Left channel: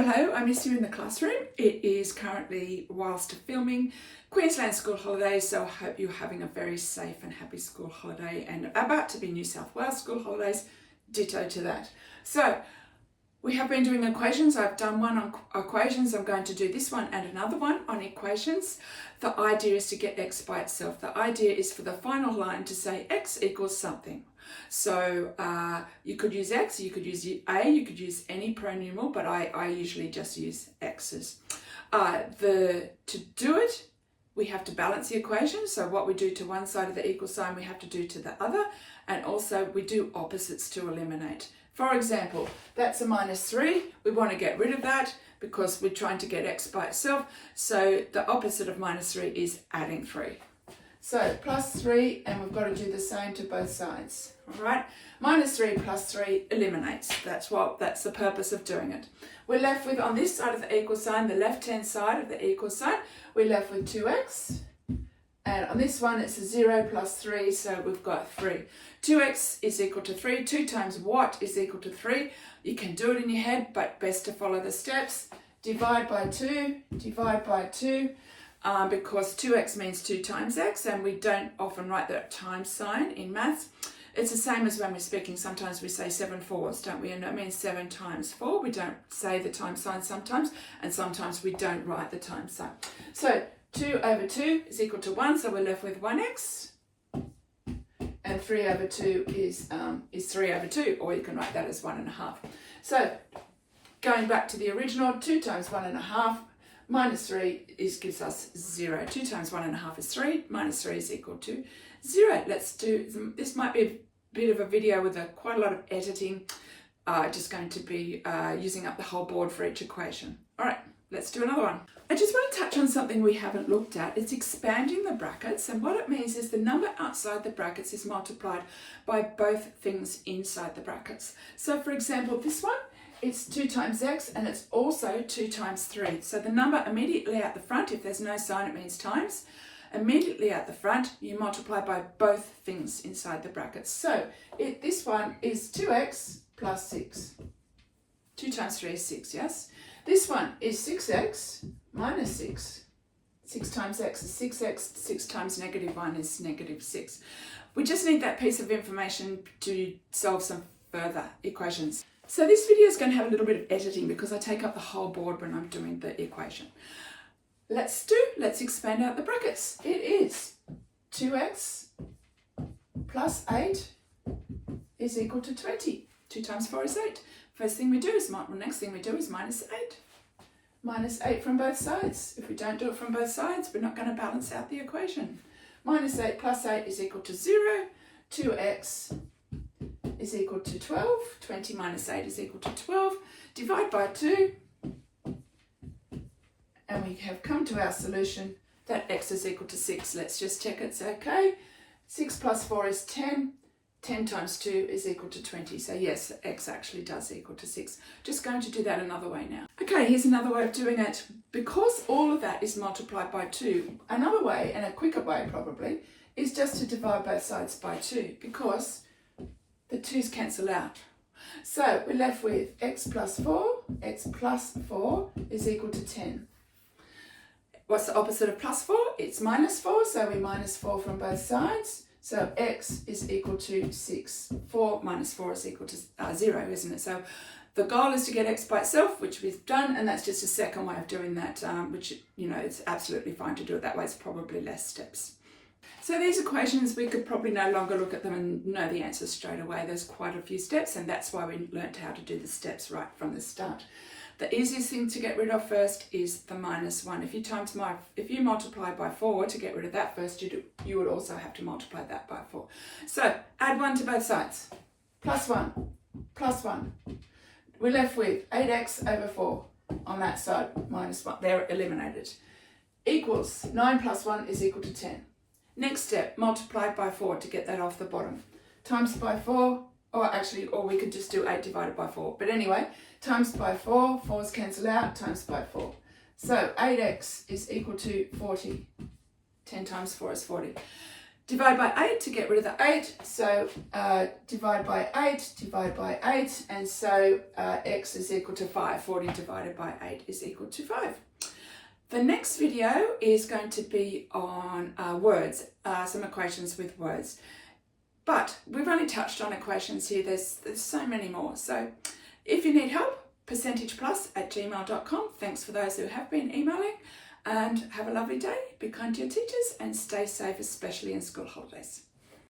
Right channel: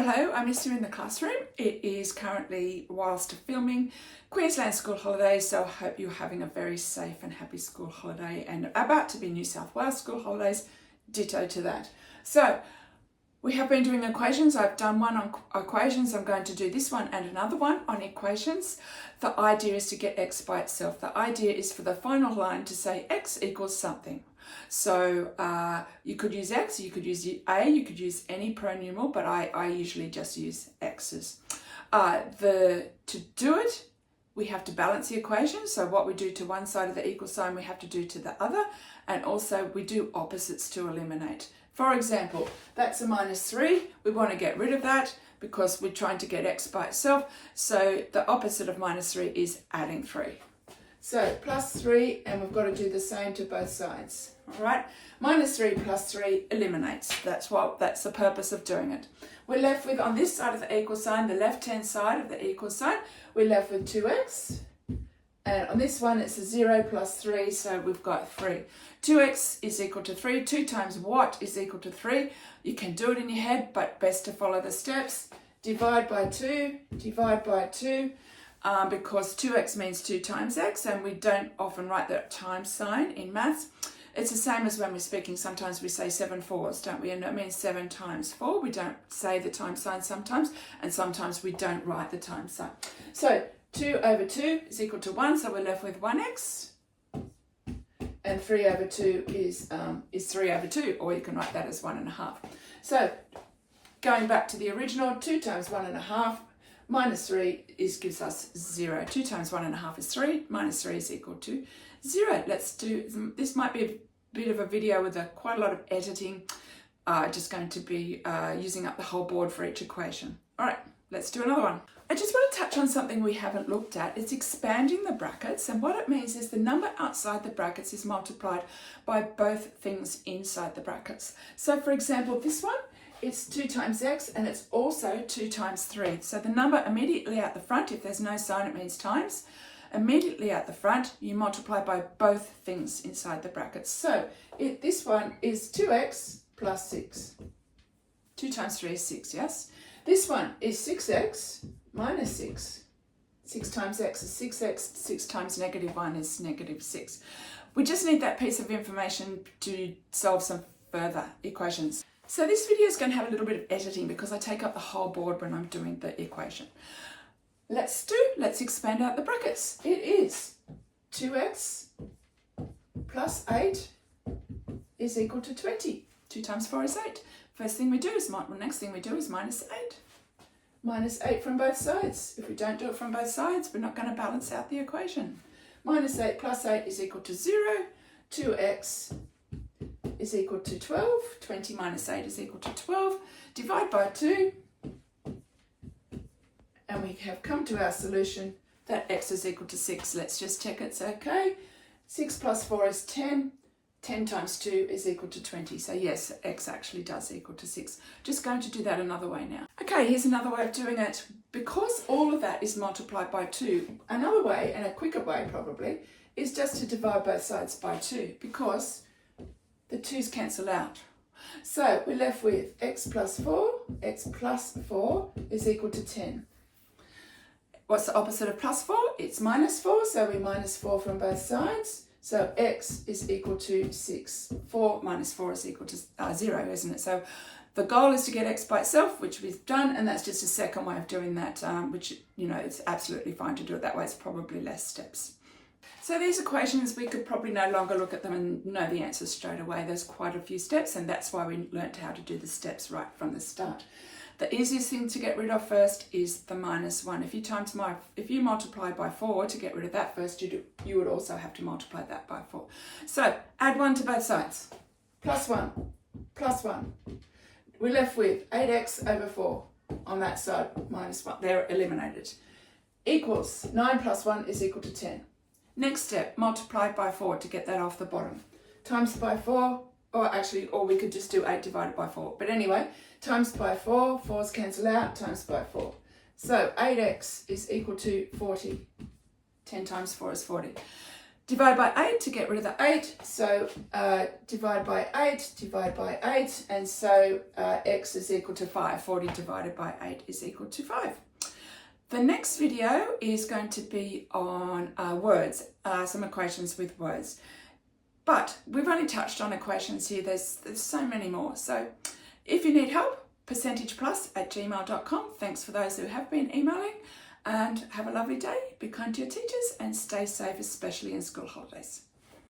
Hello, I miss you in the classroom. It is currently, whilst filming, Queensland school holidays, so I hope you're having a very safe and happy school holiday, and about to be New South Wales school holidays, ditto to that. So we have been doing equations. I've done one on equations. I'm going to do this one and another one on equations. The idea is to get x by itself. The idea is for the final line to say x equals something. So you could use x, you could use a, you could use any pronumeral, but I usually just use x's. To do it, we have to balance the equation. So what we do to one side of the equal sign, we have to do to the other. And also we do opposites to eliminate. For example, that's a -3. We want to get rid of that because we're trying to get x by itself. So the opposite of -3 is adding 3. So +3, and we've got to do the same to both sides. All right, -3 plus 3 eliminates. That's the purpose of doing it. We're left with, on this side of the equal sign, the left-hand side of the equal sign, we're left with 2x. And on this one, it's a 0 plus 3, so we've got 3. 2x is equal to 3. 2 times what is equal to 3? You can do it in your head, but best to follow the steps. Divide by 2, divide by 2. Because 2x means 2 times x, and we don't often write that times sign in maths. It's the same as when we're speaking. Sometimes we say 7 fours, don't we? And that means 7 times 4. We don't say the times sign sometimes, and sometimes we don't write the times sign. So 2 over 2 is equal to 1, so we're left with 1x. And 3 over 2 is 3 over 2, or you can write that as 1.5. So going back to the original, 2 times 1.5 minus 3 gives us 0. 2 times 1.5 is 3, minus 3 is equal to 0. Let's do, this might be a bit of a video with quite a lot of editing. Just going to be using up the whole board for each equation. All right, let's do another one. I just want to touch on something we haven't looked at. It's expanding the brackets, and what it means is the number outside the brackets is multiplied by both things inside the brackets. So for example, this one, it's 2 times x, and it's also 2 times 3. So the number immediately at the front, if there's no sign, it means times. Immediately at the front, you multiply by both things inside the brackets. So this one is 2x plus 6. 2 times 3 is 6, yes? This one is 6x minus 6. 6 times x is 6x. 6 times -1 is -6. We just need that piece of information to solve some further equations. So this video is going to have a little bit of editing because I take up the whole board when I'm doing the equation. Let's expand out the brackets. It is 2x plus 8 is equal to 20. 2 times 4 is 8. Next thing we do is minus 8. Minus 8 from both sides. If we don't do it from both sides, we're not going to balance out the equation. Minus 8 plus 8 is equal to 0. 2x is equal to 12. 20 minus 8 is equal to 12. Divide by 2. And we have come to our solution that x is equal to 6. Let's just check it's okay. 6 plus 4 is 10. 10 times 2 is equal to 20. So yes, x actually does equal to 6. Just going to do that another way now. Okay, here's another way of doing it. Because all of that is multiplied by 2, another way, and a quicker way probably, is just to divide both sides by 2, because the 2's cancel out. So we're left with x plus 4. X plus 4 is equal to 10. What's the opposite of plus 4? It's minus 4, so we minus 4 from both sides. So x is equal to 6. 4 minus 4 is equal to 0, isn't it? So the goal is to get x by itself, which we've done, and that's just a second way of doing that, which, you know, it's absolutely fine to do it that way. It's probably less steps. So these equations, we could probably no longer look at them and know the answers straight away. There's quite a few steps, and that's why we learnt how to do the steps right from the start. The easiest thing to get rid of first is the -1. If you multiply by 4 to get rid of that first, you would also have to multiply that by 4. So add 1 to both sides. Plus 1, plus 1. We're left with 8x over 4 on that side, -1. They're eliminated. Equals 9 plus 1 is equal to 10. Next step, multiply by 4 to get that off the bottom. Times by 4, or we could just do 8 divided by 4. But anyway, times by 4, 4's cancel out, times by 4. So 8x is equal to 40. 10 times 4 is 40. Divide by 8 to get rid of the 8. So divide by 8, divide by 8. And so x is equal to 5. 40 divided by 8 is equal to 5. The next video is going to be on words, some equations with words. But we've only touched on equations here. There's so many more. So if you need help, percentageplus@gmail.com. Thanks for those who have been emailing. And have a lovely day. Be kind to your teachers and stay safe, especially in school holidays.